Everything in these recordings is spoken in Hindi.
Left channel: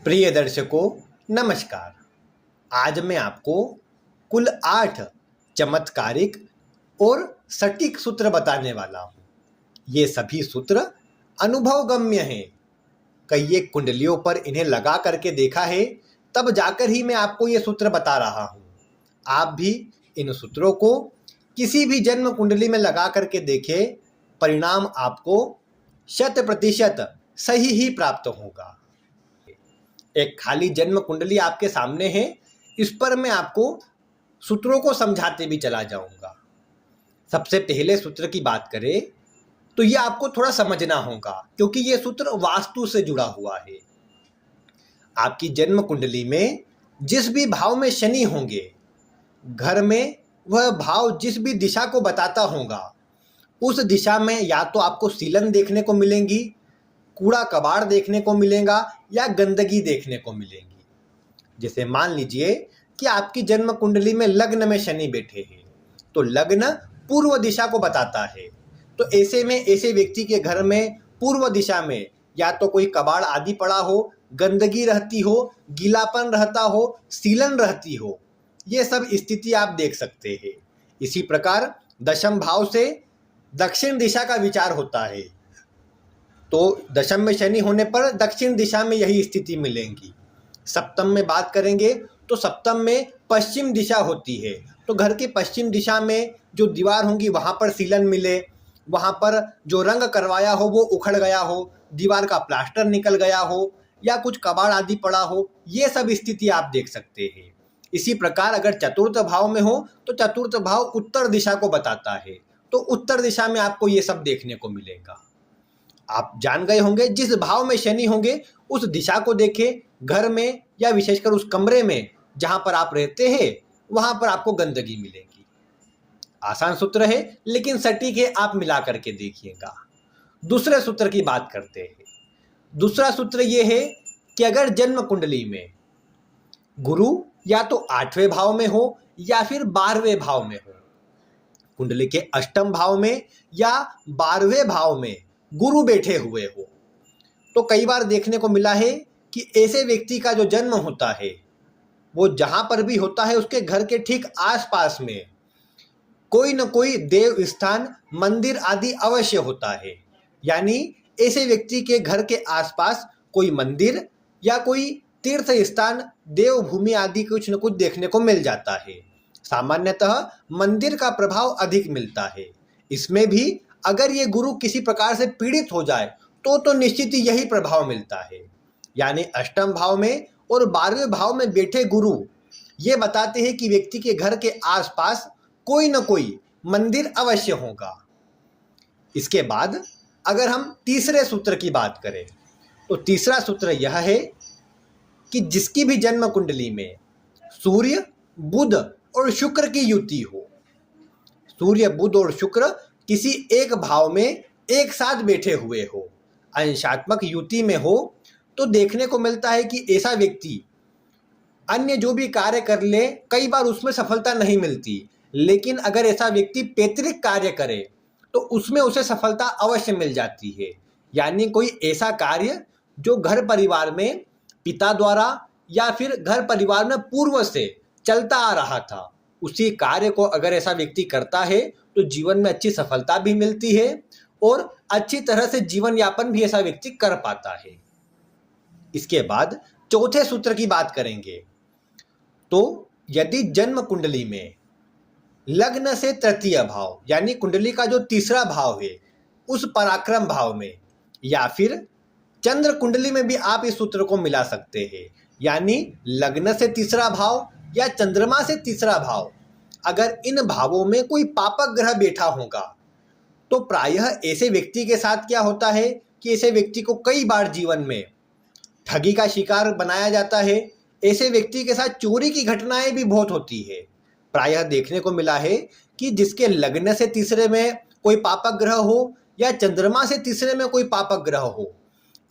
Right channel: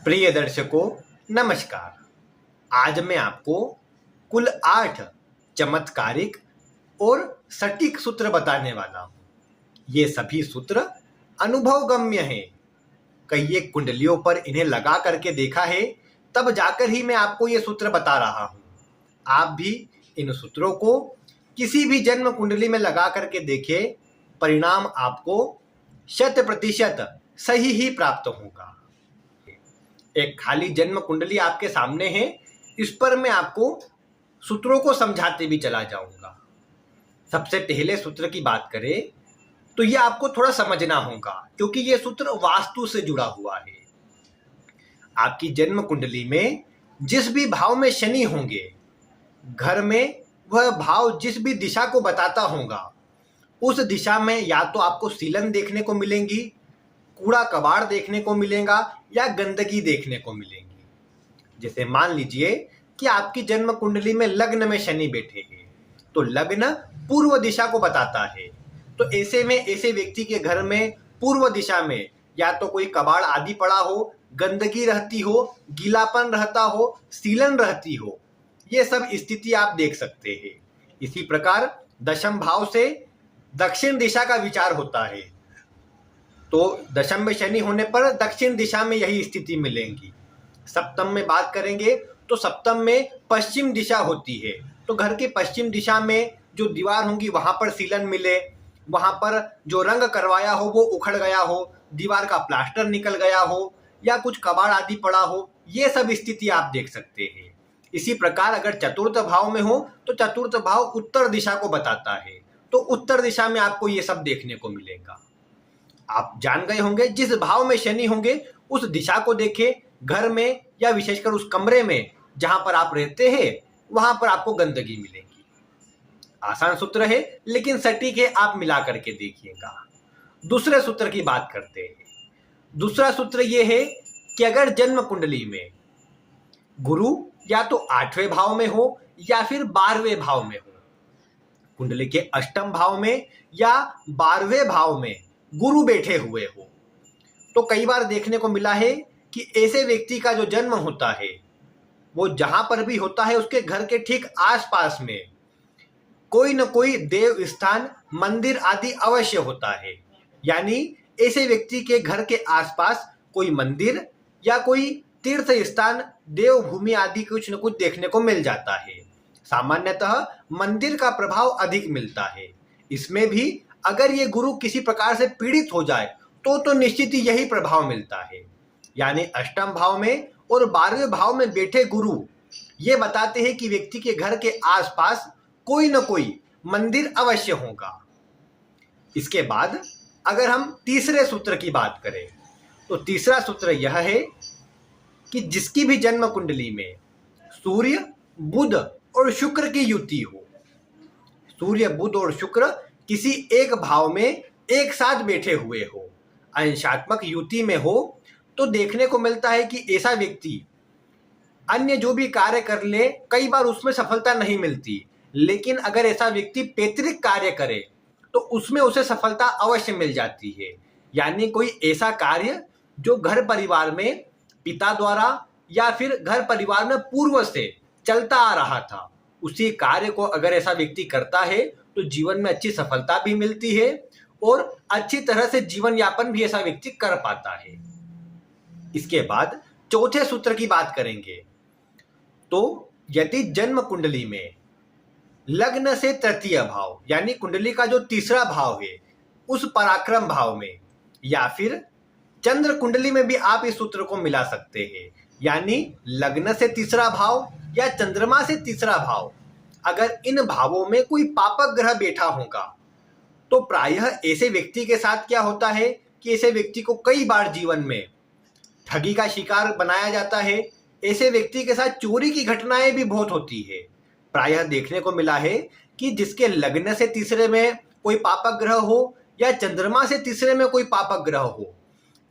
प्रिय दर्शकों, नमस्कार। आज मैं आपको कुल 8 चमत्कारिक और सटीक सूत्र बताने वाला हूँ। ये सभी सूत्र अनुभवगम्य हैं। कई एक कुंडलियों पर इन्हें लगा करके देखा है, तब जाकर ही मैं आपको ये सूत्र बता रहा हूँ। आप भी इन सूत्रों को किसी भी जन्म कुंडली में लगा करके देखें, परिणाम आपको 100% सही ही प्राप्त होगा। एक खाली जन्म कुंडली आपके सामने है, इस पर मैं आपको सूत्रों को समझाते भी चला जाऊंगा। सबसे पहले सूत्र की बात करें तो ये आपको थोड़ा समझना होगा, क्योंकि ये सूत्र वास्तु से जुड़ा हुआ है। आपकी जन्म कुंडली में जिस भी भाव में शनि होंगे, घर में वह भाव जिस भी दिशा को बताता होगा, उस दिशा में या तो आपको सीलन देखने को मिलेंगी, कूड़ा कबाड़ देखने को मिलेगा या गंदगी देखने को मिलेगी। जैसे मान लीजिए कि आपकी जन्म कुंडली में लग्न में शनि बैठे हैं, तो लग्न पूर्व दिशा को बताता है। तो ऐसे में ऐसे व्यक्ति के घर में पूर्व दिशा में या तो कोई कबाड़ आदि पड़ा हो, गंदगी रहती हो, गीलापन रहता हो, सीलन रहती हो, ये सब स्थिति आप देख सकते हैं। इसी प्रकार दशम भाव से दक्षिण दिशा का विचार होता है, तो दशम में शनि होने पर दक्षिण दिशा में यही स्थिति मिलेगी। सप्तम में बात करेंगे तो सप्तम में पश्चिम दिशा होती है, तो घर के पश्चिम दिशा में जो दीवार होंगी वहाँ पर सीलन मिले, वहाँ पर जो रंग करवाया हो वो उखड़ गया हो, दीवार का प्लास्टर निकल गया हो या कुछ कबाड़ आदि पड़ा हो, ये सब स्थिति आप देख सकते हैं। इसी प्रकार अगर चतुर्थ भाव में हो तो चतुर्थ भाव उत्तर दिशा को बताता है, तो उत्तर दिशा में आपको ये सब देखने को मिलेगा। आप जान गए होंगे जिस भाव में शनि होंगे उस दिशा को देखें, घर में या विशेषकर उस कमरे में जहां पर आप रहते हैं वहां पर आपको गंदगी मिलेगी। आसान सूत्र है लेकिन सटीक है, आप मिला करके देखिएगा। दूसरे सूत्र की बात करते हैं। दूसरा सूत्र यह है कि अगर जन्म कुंडली में गुरु या तो 8वें भाव में हो या फिर 12वें भाव में हो, कुंडली के अष्टम भाव में या 12वें भाव में गुरु बैठे हुए हो, तो कई बार देखने को मिला है कि ऐसे व्यक्ति का जो जन्म होता है वो जहां पर भी होता है उसके घर के ठीक आसपास में कोई न कोई देव स्थान, मंदिर आदि अवश्य होता है। यानी ऐसे व्यक्ति के घर के आसपास कोई मंदिर या कोई तीर्थ स्थान, देवभूमि आदि कुछ न कुछ देखने को मिल जाता है। सामान्यतः मंदिर का प्रभाव अधिक मिलता है। इसमें भी अगर ये गुरु किसी प्रकार से पीड़ित हो जाए तो निश्चित ही यही प्रभाव मिलता है। यानी अष्टम भाव में और 12वें भाव में बैठे गुरु ये बताते हैं कि व्यक्ति के घर के आसपास कोई न कोई मंदिर अवश्य होगा। इसके बाद अगर हम तीसरे सूत्र की बात करें तो तीसरा सूत्र यह है कि जिसकी भी जन्म कुंडली में सूर्य, बुध और शुक्र की युति हो, सूर्य, बुध और शुक्र किसी एक भाव में एक साथ बैठे हुए हो, अंशात्मक युति में हो, तो देखने को मिलता है कि ऐसा व्यक्ति अन्य जो भी कार्य कर ले कई बार उसमें सफलता नहीं मिलती, लेकिन अगर ऐसा व्यक्ति पैतृक कार्य करे तो उसमें उसे सफलता अवश्य मिल जाती है। यानी कोई ऐसा कार्य जो घर परिवार में पिता द्वारा या फिर घर परिवार में पूर्व से चलता आ रहा था, उसी कार्य को अगर ऐसा व्यक्ति करता है तो जीवन में अच्छी सफलता भी मिलती है और अच्छी तरह से जीवन यापन भी ऐसा व्यक्ति कर पाता है। इसके बाद चौथे सूत्र की बात करेंगे तो यदि जन्म कुंडली में लग्न से तृतीय भाव यानी कुंडली का जो तीसरा भाव है उस पराक्रम भाव में या फिर चंद्र कुंडली में भी आप इस सूत्र को मिला सकते हैं। यानी लग्न से तीसरा भाव या चंद्रमा से तीसरा भाव, अगर इन भावों में कोई पापक ग्रह बैठा होगा तो प्रायः ऐसे व्यक्ति के साथ क्या होता है कि ऐसे व्यक्ति को कई बार जीवन में ठगी का शिकार बनाया जाता है। ऐसे व्यक्ति के साथ चोरी की घटनाएं भी बहुत होती है। प्रायः देखने को मिला है कि जिसके लग्न से तीसरे में कोई पापक ग्रह हो या चंद्रमा से तीसरे में कोई पापक ग्रह हो,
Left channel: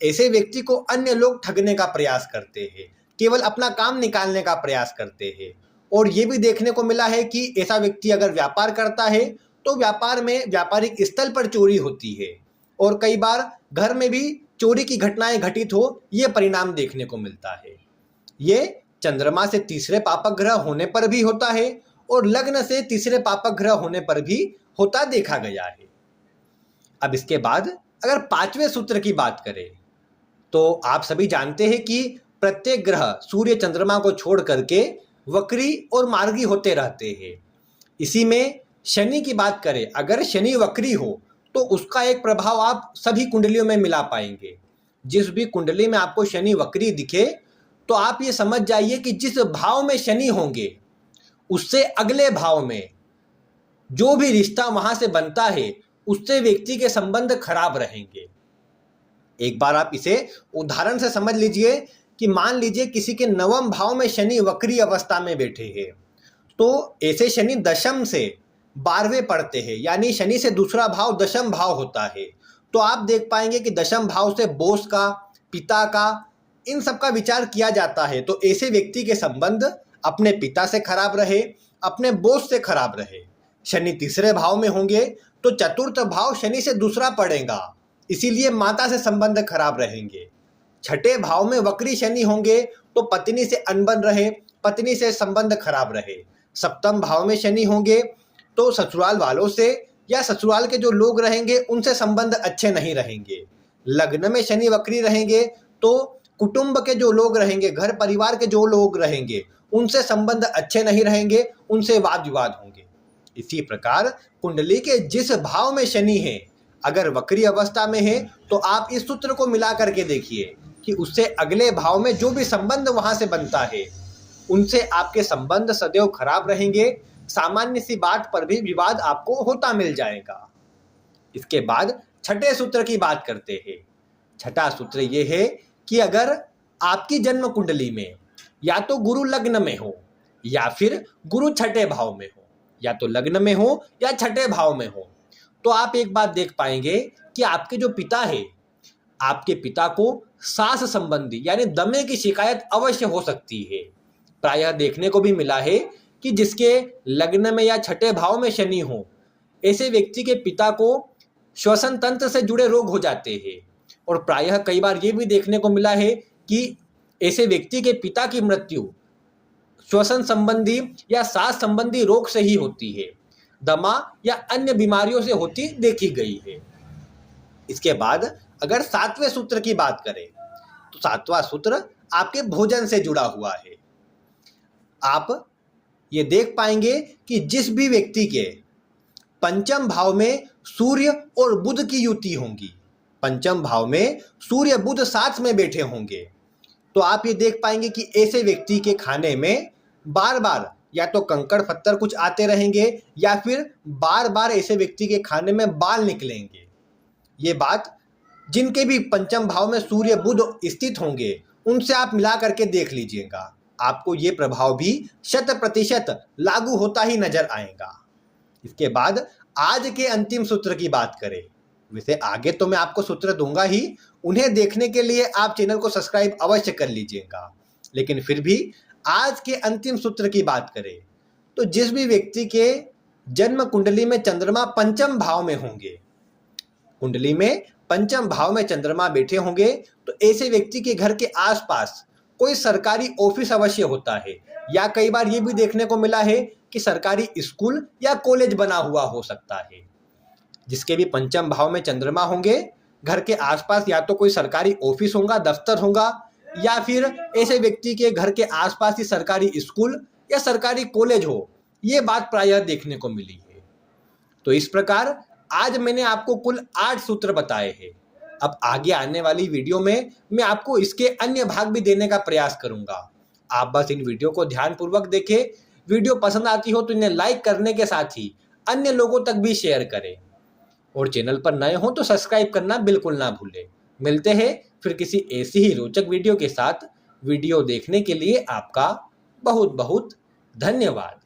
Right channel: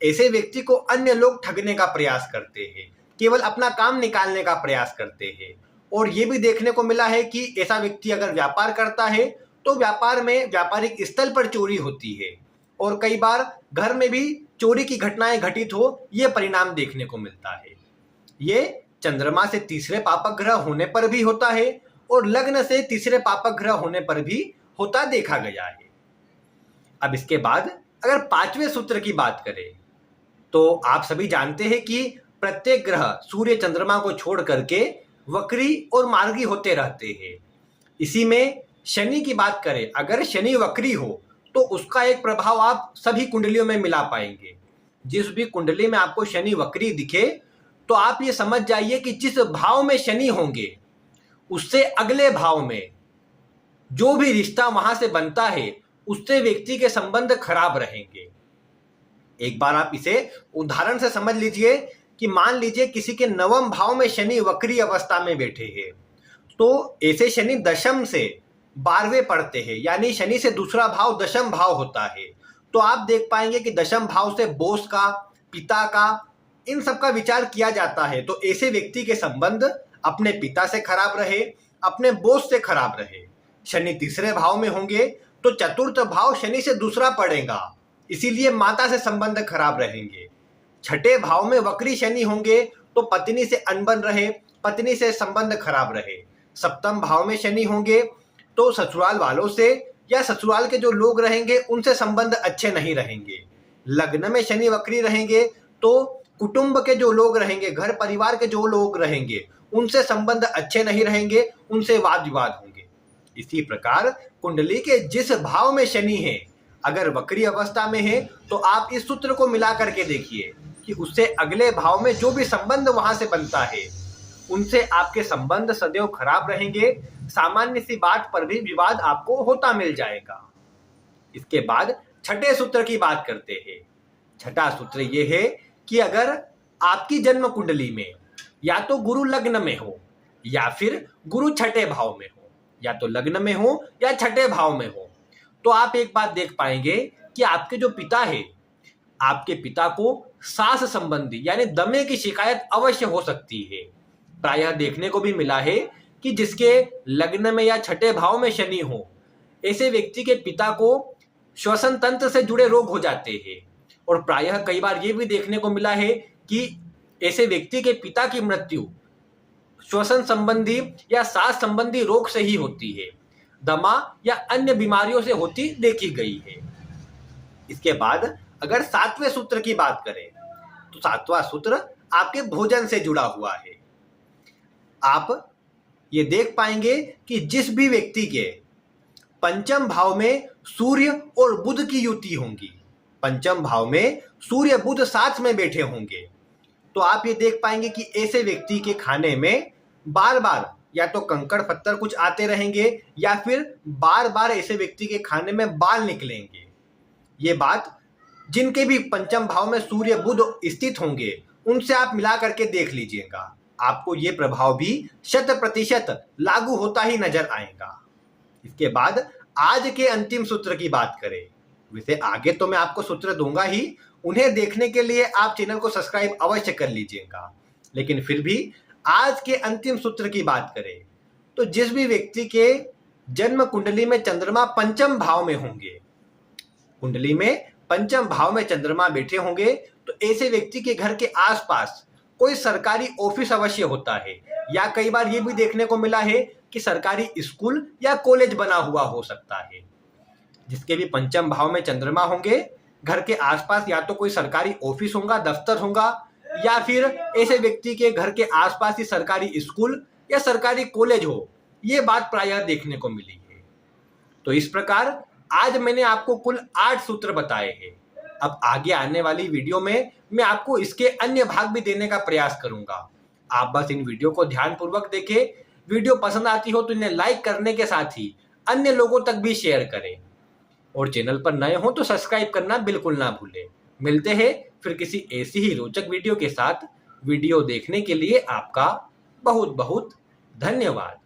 ऐसे व्यक्ति को अन्य लोग ठगने का प्रयास करते हैं, केवल अपना काम निकालने का प्रयास करते हैं। और ये भी देखने को मिला है कि ऐसा व्यक्ति अगर व्यापार करता है तो व्यापार में व्यापारिक स्थल पर चोरी होती है और कई बार घर में भी चोरी की घटनाएं घटित हो, ये परिणाम देखने को मिलता है। ये चंद्रमा से तीसरे पापक ग्रह होने पर भी होता है और लग्न से तीसरे पापक ग्रह होने पर भी होता देखा गया है। अब इसके बाद अगर पांचवें सूत्र की बात करें तो आप सभी जानते हैं कि प्रत्येक ग्रह सूर्य चंद्रमा को छोड़ करके वक्री और मार्गी होते रहते हैं। इसी में शनि की बात करें, अगर शनि वक्री हो तो उसका एक प्रभाव आप सभी कुंडलियों में मिला पाएंगे। जिस भी कुंडली में आपको शनि वक्री दिखे तो आप ये समझ जाइए कि जिस भाव में शनि होंगे उससे अगले भाव में जो भी रिश्ता वहां से बनता है उससे व्यक्ति के संबंध खराब रहेंगे। एक बार आप इसे उदाहरण से समझ लीजिए कि मान लीजिए किसी के नवम भाव में शनि वक्री अवस्था में बैठे हैं, तो ऐसे शनि दशम से 12वें पड़ते हैं, यानी शनि से दूसरा भाव दशम भाव होता है। तो आप देख पाएंगे कि दशम भाव से बॉस का, पिता का, इन सब का विचार किया जाता है। तो ऐसे व्यक्ति के संबंध अपने पिता से खराब रहे, अपने बॉस से खराब रहे। शनि तीसरे भाव में होंगे तो चतुर्थ भाव शनि से दूसरा पड़ेगा, इसीलिए माता से संबंध खराब रहेंगे। छठे भाव में वक्री शनि होंगे तो पत्नी से अनबन रहे, पत्नी से संबंध खराब रहे। सप्तम भाव में शनि होंगे तो ससुराल वालों से या ससुराल के जो लोग रहेंगे उनसे संबंध अच्छे नहीं रहेंगे। लग्न में शनि वक्री रहेंगे तो कुटुंब के जो लोग रहेंगे, घर परिवार के जो लोग रहेंगे, उनसे संबंध अच्छे नहीं रहेंगे, उनसे वाद विवाद होंगे। इसी प्रकार कुंडली के जिस भाव में शनि है, अगर वक्री अवस्था में है तो आप इस सूत्र को मिला करके देखिए कि उससे अगले भाव में जो भी संबंध वहां से बनता है उनसे आपके संबंध सदैव खराब रहेंगे। सामान्य सी बात पर भी विवाद आपको होता मिल जाएगा। इसके बाद छठे सूत्र की बात करते हैं। छठा सूत्र ये है कि अगर आपकी जन्म कुंडली में या तो गुरु लग्न में हो या फिर गुरु छठे भाव में हो, या तो लग्न में हो या छठे भाव में हो, तो आप एक बात देख पाएंगे कि आपके जो पिता है, आपके पिता को सांस संबंधी यानी दमे की शिकायत अवश्य हो सकती है। प्रायः देखने को भी मिला है कि जिसके लग्न में या छठे भाव में शनि हो, ऐसे व्यक्ति के पिता को श्वसन तंत्र से जुड़े रोग हो जाते हैं। और प्रायः कई बार ये भी देखने को मिला है कि ऐसे व्यक्ति के पिता की मृत्यु श्वसन संबंधी या सांस संबंधी रोग से ही होती है, दमा या अन्य बीमारियों से होती देखी गई है। इसके बाद अगर सातवें सूत्र की बात करें तो सातवां सूत्र आपके भोजन से जुड़ा हुआ है। आप ये देख पाएंगे कि जिस भी व्यक्ति के पंचम भाव में सूर्य और बुध की युति होंगी, पंचम भाव में सूर्य बुध साथ में बैठे होंगे, तो आप ये देख पाएंगे कि ऐसे व्यक्ति के खाने में बार बार या तो कंकड़ पत्थर कुछ आते रहेंगे या फिर बार बार ऐसे व्यक्ति के खाने में बाल निकलेंगे। ये बात जिनके भी पंचम भाव में सूर्य बुध स्थित होंगे उनसे आप मिला करके देख लीजिएगा, आपको ये प्रभाव भी 100% लागू होता ही नजर आएगा। इसके बाद आज के अंतिम सूत्र की बात करें, वैसे आगे तो मैं आपको सूत्र दूंगा ही, उन्हें देखने के लिए आप चैनल को सब्सक्राइब अवश्य कर लीजिएगा। लेकिन फिर भी आज के अंतिम सूत्र की बात करें तो जिस भी व्यक्ति के जन्म कुंडली में चंद्रमा पंचम भाव में होंगे, कुंडली में पंचम भाव में चंद्रमा बैठे होंगे, तो ऐसे व्यक्ति के घर के आसपास कोई सरकारी ऑफिस अवश्य होता है, या कई बार ये भी देखने को मिला है कि सरकारी स्कूल या कॉलेज बना हुआ हो सकता है। जिसके भी पंचम भाव में चंद्रमा होंगे, घर के आसपास या तो कोई सरकारी ऑफिस होगा, दफ्तर होगा, या फिर ऐसे व्यक्ति के घर के आसपास ही सरकारी स्कूल या सरकारी कॉलेज हो, ये बात प्रायः देखने को मिली है। तो इस प्रकार आज मैंने आपको कुल 8 सूत्र बताए हैं। अब आगे आने वाली वीडियो में मैं आपको इसके अन्य भाग भी देने का प्रयास करूंगा। आप बस इन वीडियो को ध्यानपूर्वक देखें। वीडियो पसंद आती हो तो इन्हें लाइक करने के साथ ही अन्य लोगों तक भी शेयर करें, और चैनल पर नए हो तो सब्सक्राइब करना बिल्कुल ना भूलें। मिलते हैं फिर किसी ऐसी ही रोचक वीडियो के साथ। वीडियो देखने के लिए आपका बहुत बहुत धन्यवाद।